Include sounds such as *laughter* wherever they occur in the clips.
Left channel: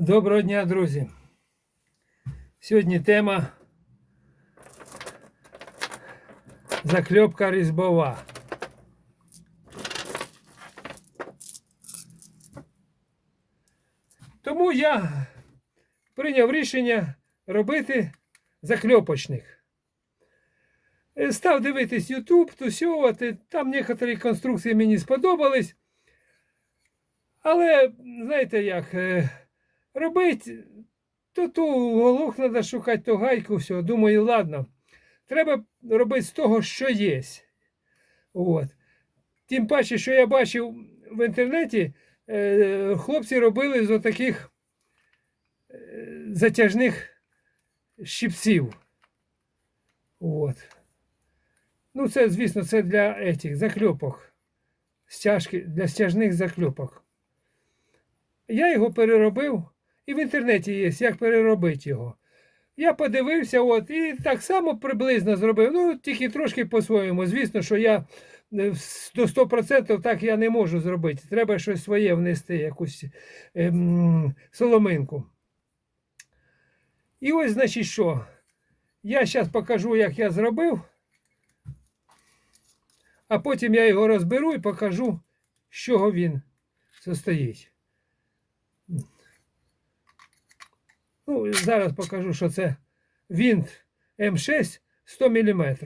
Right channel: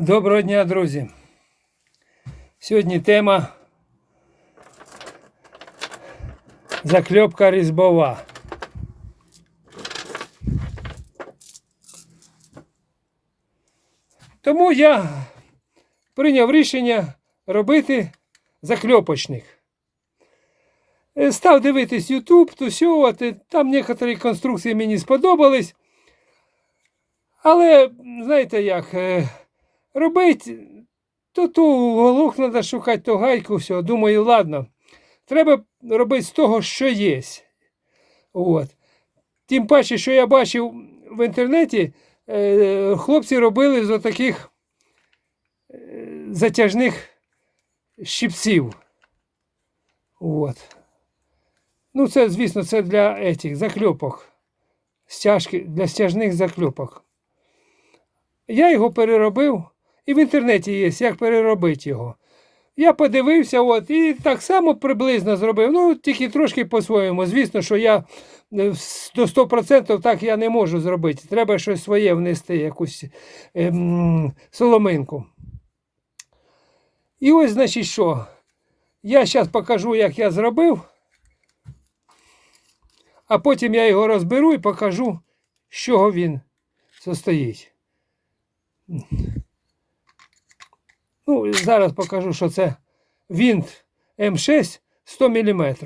Доброго дня, друзі. Сьогодні тема закльопка різьбова. Тому я прийняв рішення робити закльопочник. Е, Став дивитись YouTube, тусювати. Там некоторі конструкції мені сподобались. Але, знаєте як, робити, то ту уголок треба шукати, то гайку, все. Думаю, ладно. Треба робити з того, що є. От. Тим паче, що я бачив в інтернеті, е, хлопці робили з отаких е, затяжних щипців. От. Ну, це, звісно, це для этих закльопок. Стяжки, для стяжних закльопок. Я його переробив, і в інтернеті є, як переробити його. Я подивився, от, і так само приблизно зробив. Ну, тільки трошки по-своєму. Звісно, що я е, до 100% так я не можу зробити. Треба щось своє внести, якусь ем, соломинку. І ось, значить, що. Я зараз покажу, як я зробив, а потім я його розберу і покажу, з чого він состоїть. Ну, зараз покажу, що це винт М6 100 мм.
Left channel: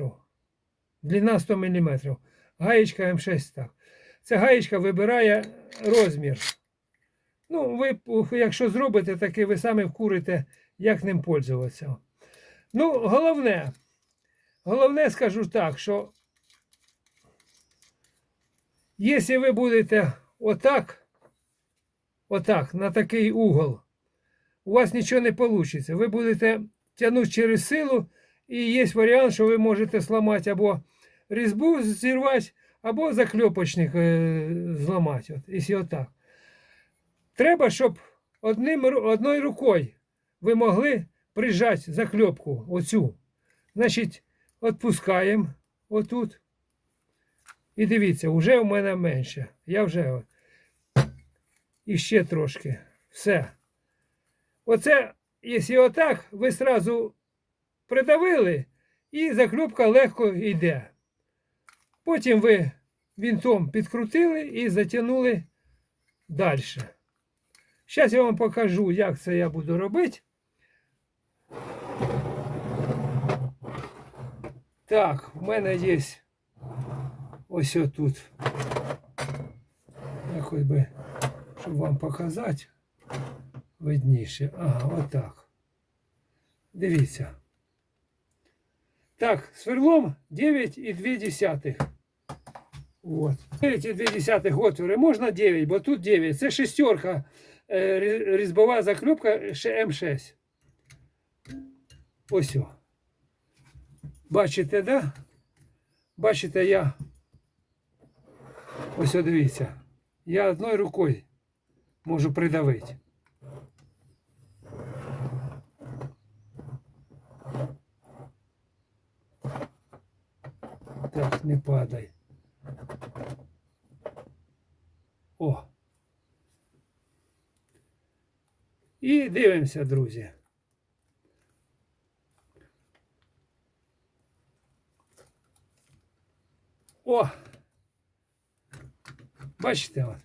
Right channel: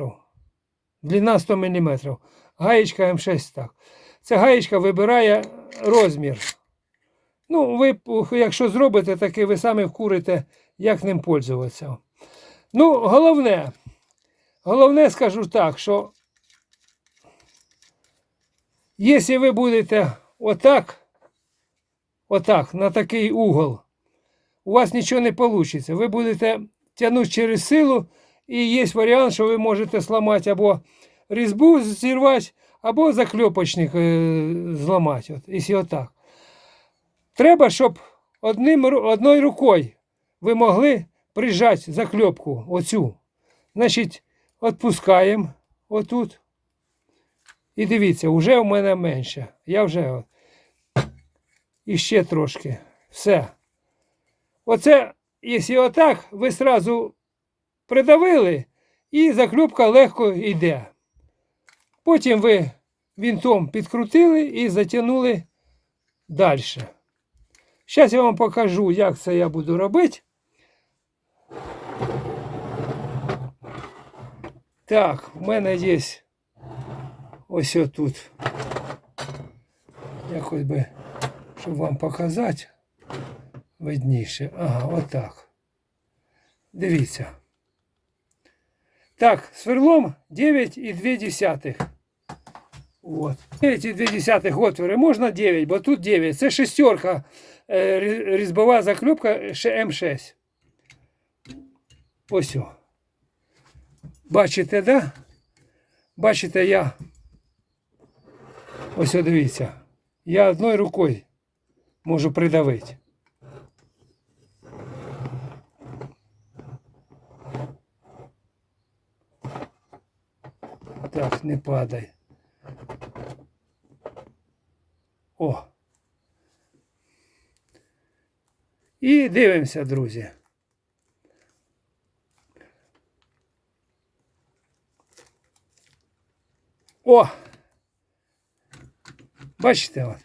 Длина 100 мм. Гаєчка М6 так. Ця гаєчка вибирає розмір. Ну, ви, якщо зробите таке, ви самі вкурите, як ним пользуватися. Ну, головне, головне скажу так, що якщо ви будете отак, отак, на такий угол, у вас нічого не вийде. Ви будете тягнути через силу, і є варіант, що ви можете зламати або різьбу зірвати, або закльопочник е, зламати. От, якщо отак. Треба, щоб одним, одною рукою ви могли прижати закльопку оцю. Значить, відпускаємо отут. І дивіться, вже у мене менше. Я вже. І ще трошки. Все. Оце, якщо отак, ви сразу придавили, і закльопка легко йде. Потім ви вінтом підкрутили і затягнули далі. Зараз я вам покажу, як це я буду робити. Так, у мене є ось отут. Якось би, щоб вам показати видніше. Ага, отак. Дивіться. Так, сверлом 9,2. От. 9,2 отвори. Можна 9, бо тут 9. Це шестерка е, різьбова закльопка ще М6. Ось. Бачите, да? Бачите, я. Ось дивіться. Я одною рукою можу придавити. Так, не падай. О. І дивимося, друзі. О! Бачите? От.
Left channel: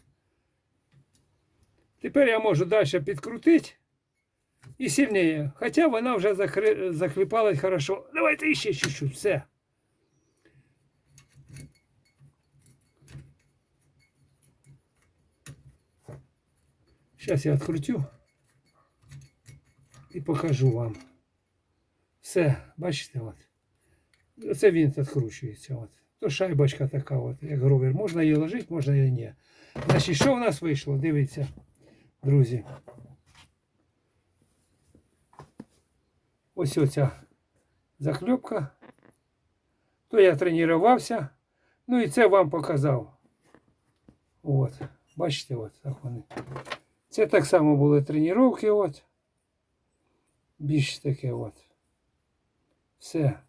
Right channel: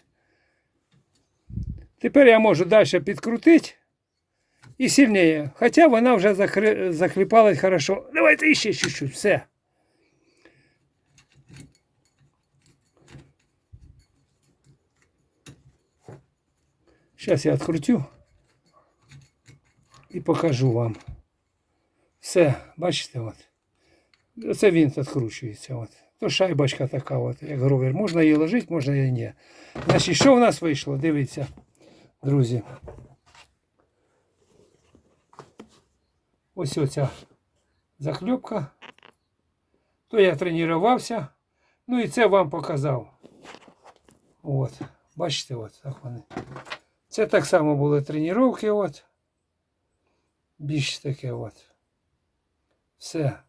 Тепер я можу далі підкрутити і сильніше. Хоча вона вже захри... захліпалась хорошо. Давайте ще чуть-чуть, все. Зараз я відкрутю і покажу вам. Все, бачите, от. Оце він відкручується. От. То шайбочка така, от, як гровер. Можна її ложити, можна її ні. Значить, що в нас вийшло? Дивіться, друзі. Ось оця закльопка. То я тренувався. Ну і це вам показав. От. Бачите, от так вони. Це так само були тренування, от. Більш таке от. Все.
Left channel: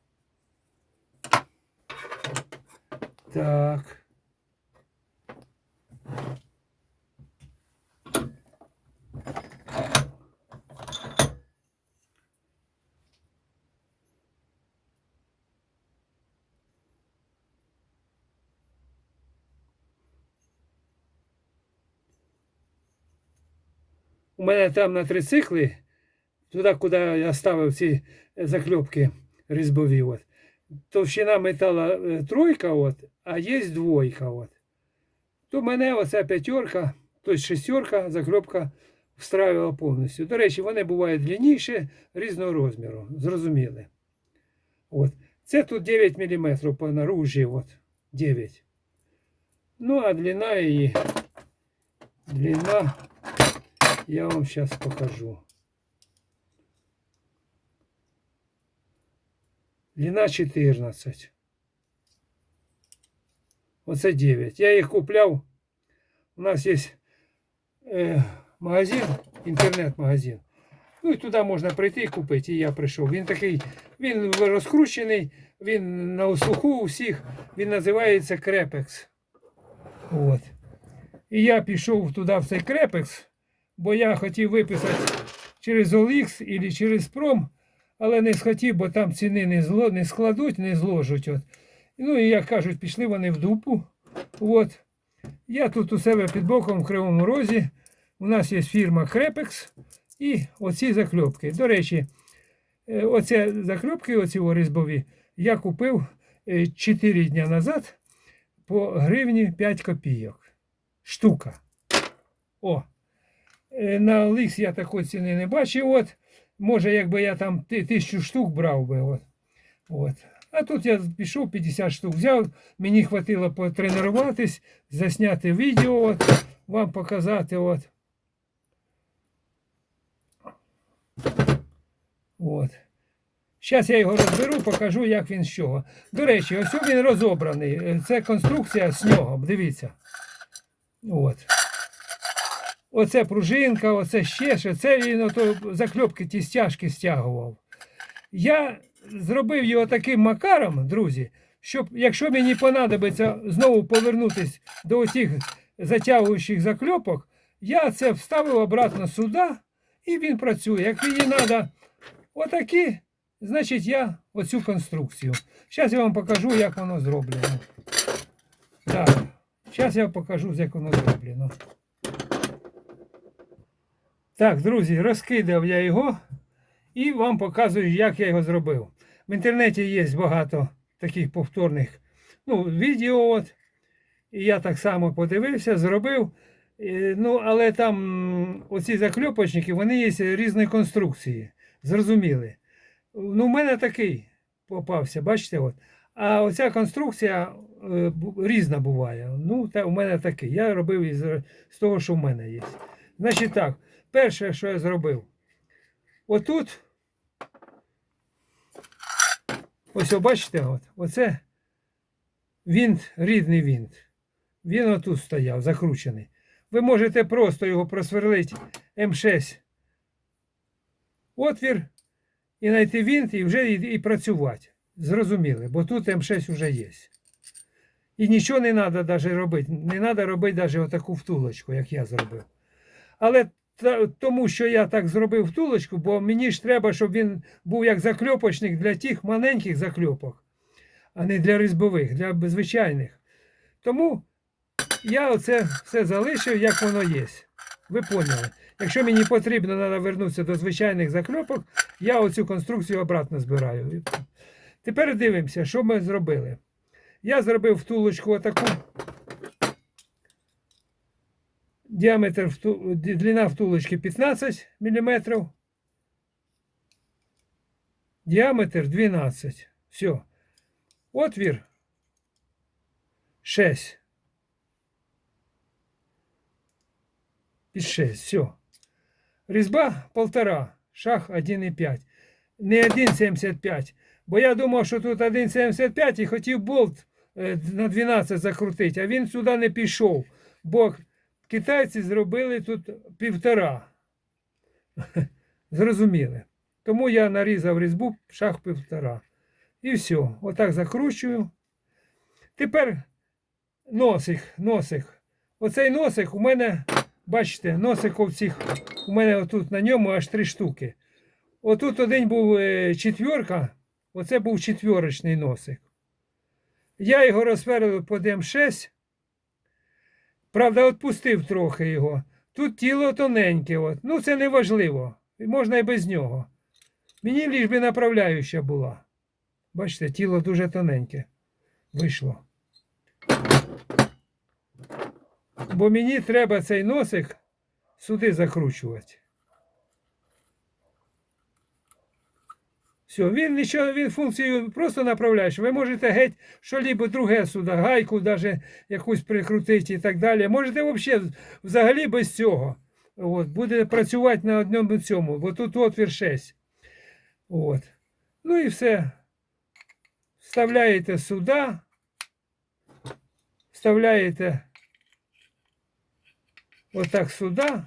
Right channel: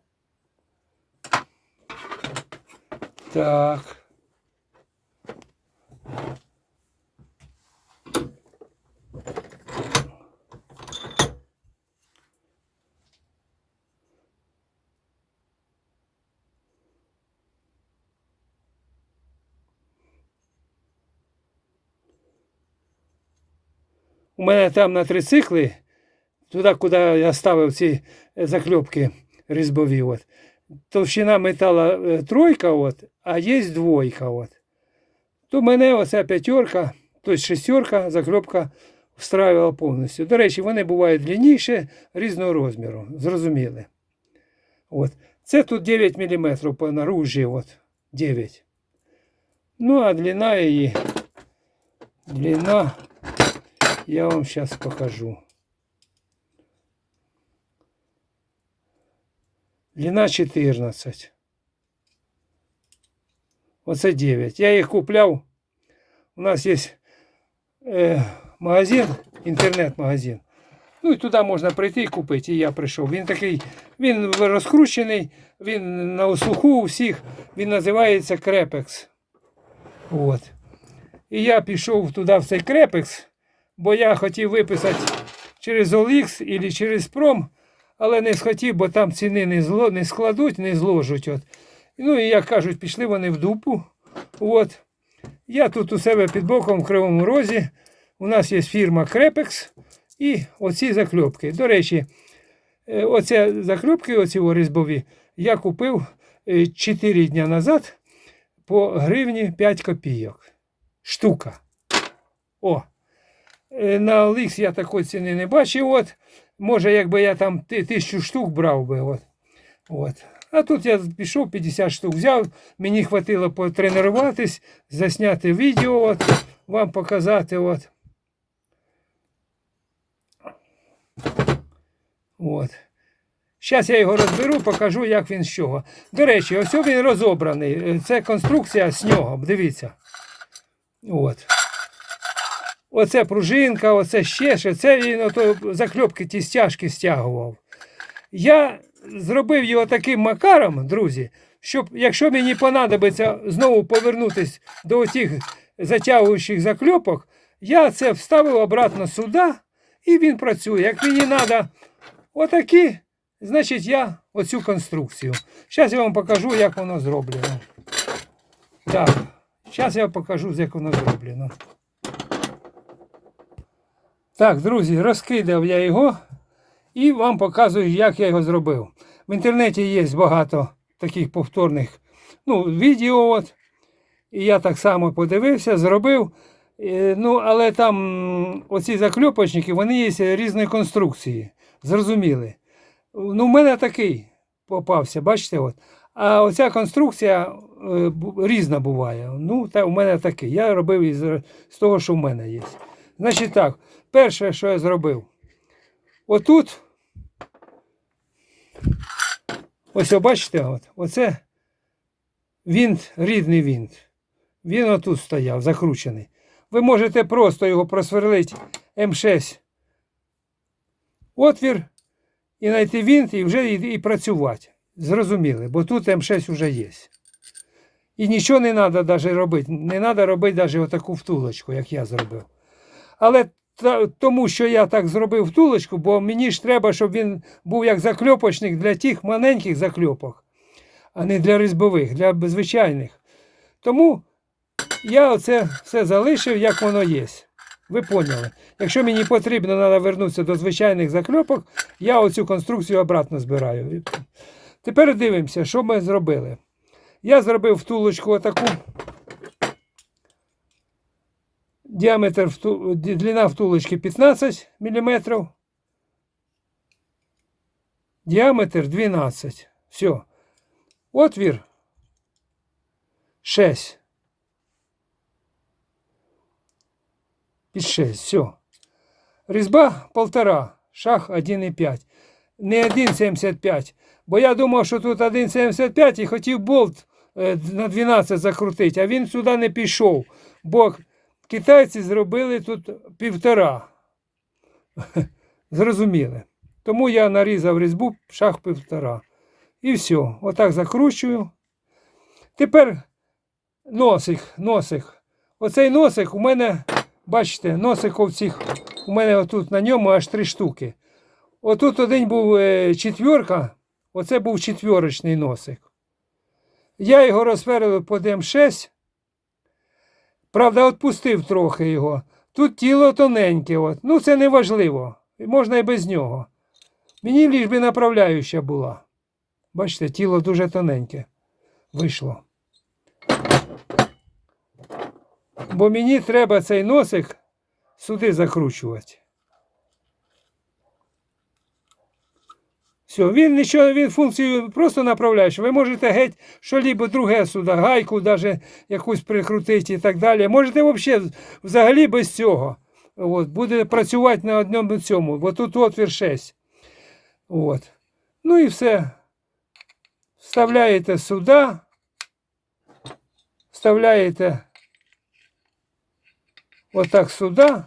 Так. у мене там на трицикли, туди, куди я ставив ці е, закльопки різьбові. От. Товщина метала е, тройка, от, а є двойка. От. То мене оця п'ятерка, тобто шестерка, закльопка встраювала повністю. До речі, вони бувають длинніші, різного розміру. Зрозуміли. От. Це тут 9 мм по наружі. От. 9. Ну, а длина її. Длина я вам зараз покажу. Длина 14. Оце 9. Я їх купляв. У нас є е, магазин, інтернет-магазин. Ну і туди можна прийти і купити. І я прийшов. Він такий, він розкручений, він на услуху у всіх. Він називається Крепекс. От. І я пішов туди в цей Крепекс, бо я хотів виписати через OLX або через Пром, але не схотів, бо там ціни не, зло, не складуть, не зложуть. От. Ну і як кажуть, пішли вони в дупу. От. Я тут у себе під боком в Кривому Розі. У нас є фірма Крепекс і оці закльопки. До речі, е, оці закльопки, оці різьбові, я купив 4 дні назад по гривні 5 копійок. Штука. О. Е, На Олікс я такої ціни не бачив. От. Може, якби я там ти- тисячу штук брав би. От. От. А тут я пішов 50 штук взяв, мені хватило потренуватись, засняти відео, от, вам показати. От. От. Зараз я його розберу, покажу, як він з чого. До речі, ось він розобраний. Е, Це конструкція з нього. Дивіться. От. Оце пружинка, оце ще ще. Це він ото закльопки ті стяжки стягував. Я зробив його таким макаром, друзі, щоб якщо мені понадобиться знову повернутися до тих затягуючих закльопок, я це вставив обратно сюди і він працює. Як мені треба отакі, значить я оцю конструкцію. Зараз я вам покажу, як воно зроблено. Так, зараз я покажу, як воно зроблено. Так, друзі, розкидав я його і вам показую, як я його зробив. В інтернеті є багато таких повторних ну, відео. От. І я так само подивився, зробив. Е, Ну, але там оці закльопочники, вони є різної конструкції. Зрозуміли. Ну, в мене такий попався, бачите? от. А оця конструкція е, різна буває. Ну, та, у мене такий. Я робив із, з того, що в мене є. Значить так, перше, що я зробив. Отут. Ось бачите, от, оце вінт, рідний вінт. Він отут стояв, закручений. Ви можете просто його просверлити М6 отвір і знайти вінт і вже і, і працювати. Зрозуміли, бо тут М6 вже є. І нічого не треба навіть робити. Не треба робити навіть отаку втулочку, як я зробив. Але тому, що я так зробив втулочку, бо мені ж треба, щоб він був як закльопочник для тих маленьких закльопок, а не для різьбових, для звичайних. Тому я оце все залишив, як воно є. Ви поняли. Якщо мені потрібно треба вернутися до звичайних закльопок, я оцю конструкцію обратно збираю. Тепер дивимося, що ми зробили. Я зробив втулочку отаку. Діаметр вту... длина втулочки 15 мм. Діаметр 12. Все. Отвір 6. Під 6. Все. Різьба 1,5. Шаг 1,5. Не 1,75. Бо я думав, що тут 1,75 і хотів болт е, на 12 закрутити, а він сюди не пішов. Бо китайці зробили тут півтора. Зрозуміли. Тому я нарізав різьбу шаг півтора. І все. Отак закручую. Тепер носик, носик. Оцей носик у мене, бачите, носик цих, у мене отут на ньому аж три штуки. Отут один був е, четверка, оце був четверочний носик. Я його розсверлив по М6. Правда, відпустив трохи його. Тут тіло тоненьке. От. Ну, це не важливо. Можна і без нього. Мені ліж би направляюча була. Бачите, тіло дуже тоненьке вийшло. Бо мені треба цей носик сюди закручувати. Все, він нічого, він функцію просто направляєш. Ви можете геть що-либо друге сюди, гайку даже якусь прикрутити і так далі. Можете взагалі, взагалі без цього. От, буде працювати на одному цьому, бо тут отвір 6. От. Ну і все. Вставляєте сюди. Вставляєте отак сюди.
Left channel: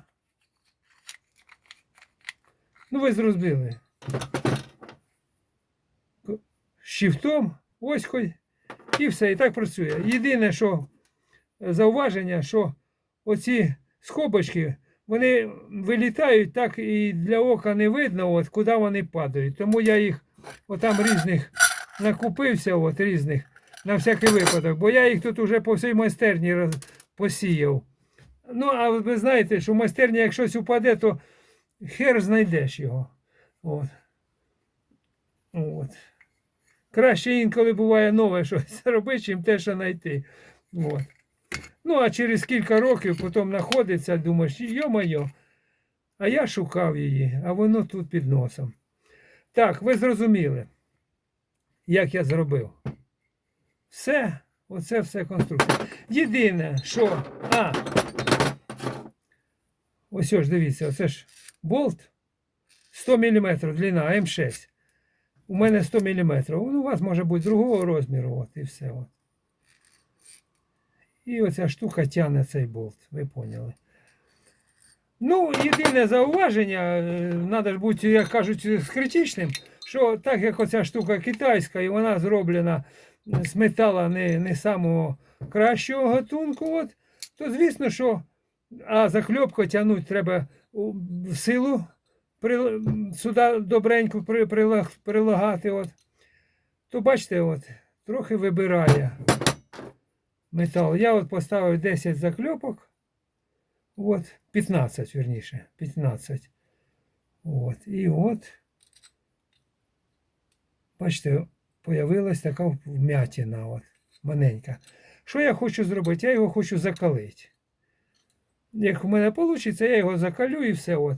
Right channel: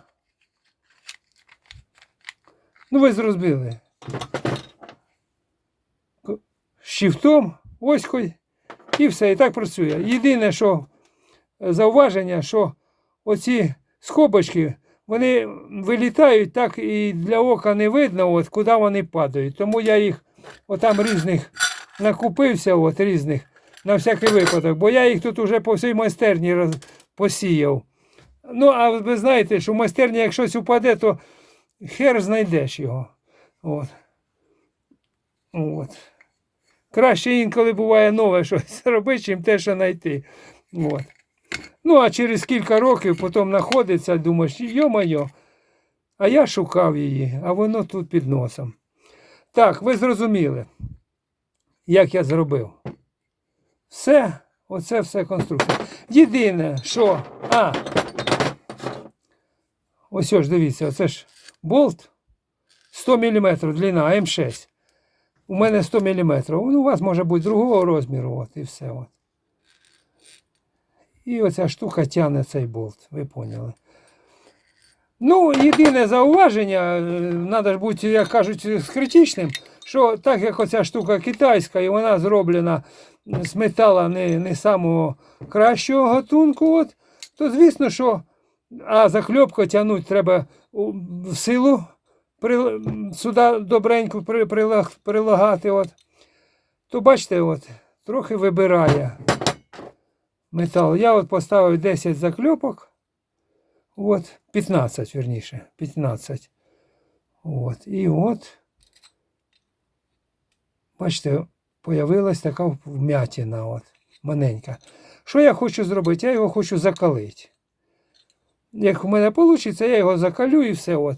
Ну, ви зрозуміли. Щифтом, оською, і все, і так працює. Єдине, що е, зауваження, що оці скобочки, вони вилітають так і для ока не видно, от, куди вони падають. Тому я їх отам різних накупився, от, різних, на всякий випадок, бо я їх тут уже по всій майстерні роз... посіяв. Ну, а ви знаєте, що в майстерні, як щось упаде, то хер знайдеш його. От. От. Краще інколи буває нове щось *laughs* робити, чим те, що знайти. От. Ну, а через кілька років потім знаходиться, думаєш, йо-моє, а я шукав її, а воно тут під носом. Так, ви зрозуміли, як я зробив. Все, оце все конструкція. Єдине, що. А, ось ось дивіться, оце ж болт 100 мм длина М6. У мене 100 мм. Ну, у вас може бути другого розміру, от і все. От. І оця штука тягне цей болт, ви поняли. Ну, єдине зауваження, треба ж бути, як кажуть, з критичним, що так як оця штука китайська, і вона зроблена з метала не, не самого кращого гатунку, от, то звісно, що а закльопку тягнути треба в силу при, сюди добренько при, прилаг- прилагати. От. То бачите, от, трохи вибирає метал. Я от поставив 10 закльопок. От, 15, верніше, 15. От, і от, бачите, появилась така вмятина, от, маленька. Що я хочу зробити? Я його хочу закалити. Як в мене вийде, я його закалю і все. От.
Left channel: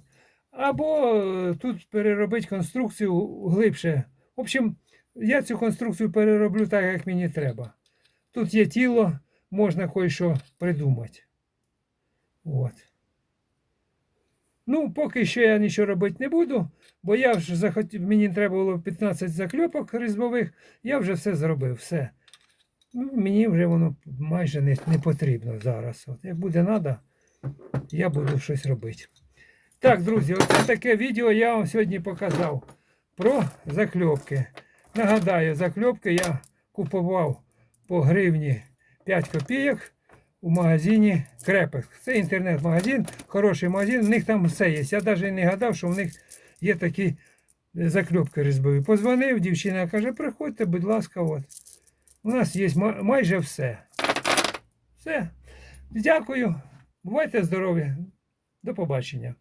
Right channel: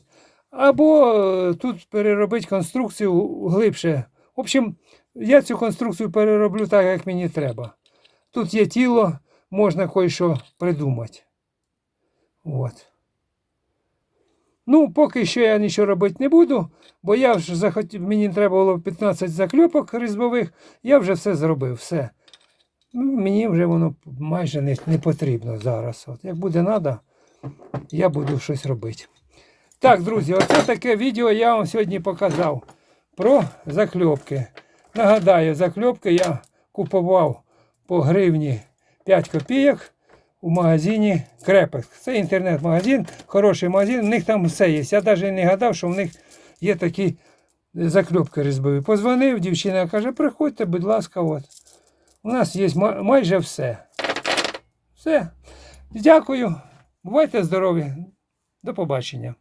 Або е, тут переробити конструкцію глибше. В общем, я цю конструкцію перероблю так, як мені треба. Тут є тіло, можна кое-що придумати. От. Ну, поки що я нічого робити не буду, бо я вже захотів, мені треба було 15 закльопок різьбових, я вже все зробив, все. Ну, мені вже воно майже не, не потрібно зараз. От, як буде треба, я буду щось робити. Так, друзі, оце таке відео я вам сьогодні показав про закльопки. Нагадаю, закльопки я купував по гривні 5 копійок у магазині Крепеx. Це інтернет-магазин, хороший магазин, у них там все є. Я навіть не гадав, що в них є такі закльопки різьбові. Позвонив, дівчина каже, приходьте, будь ласка, от. У нас є майже все. Все. Дякую. Бувайте здорові. До побачення.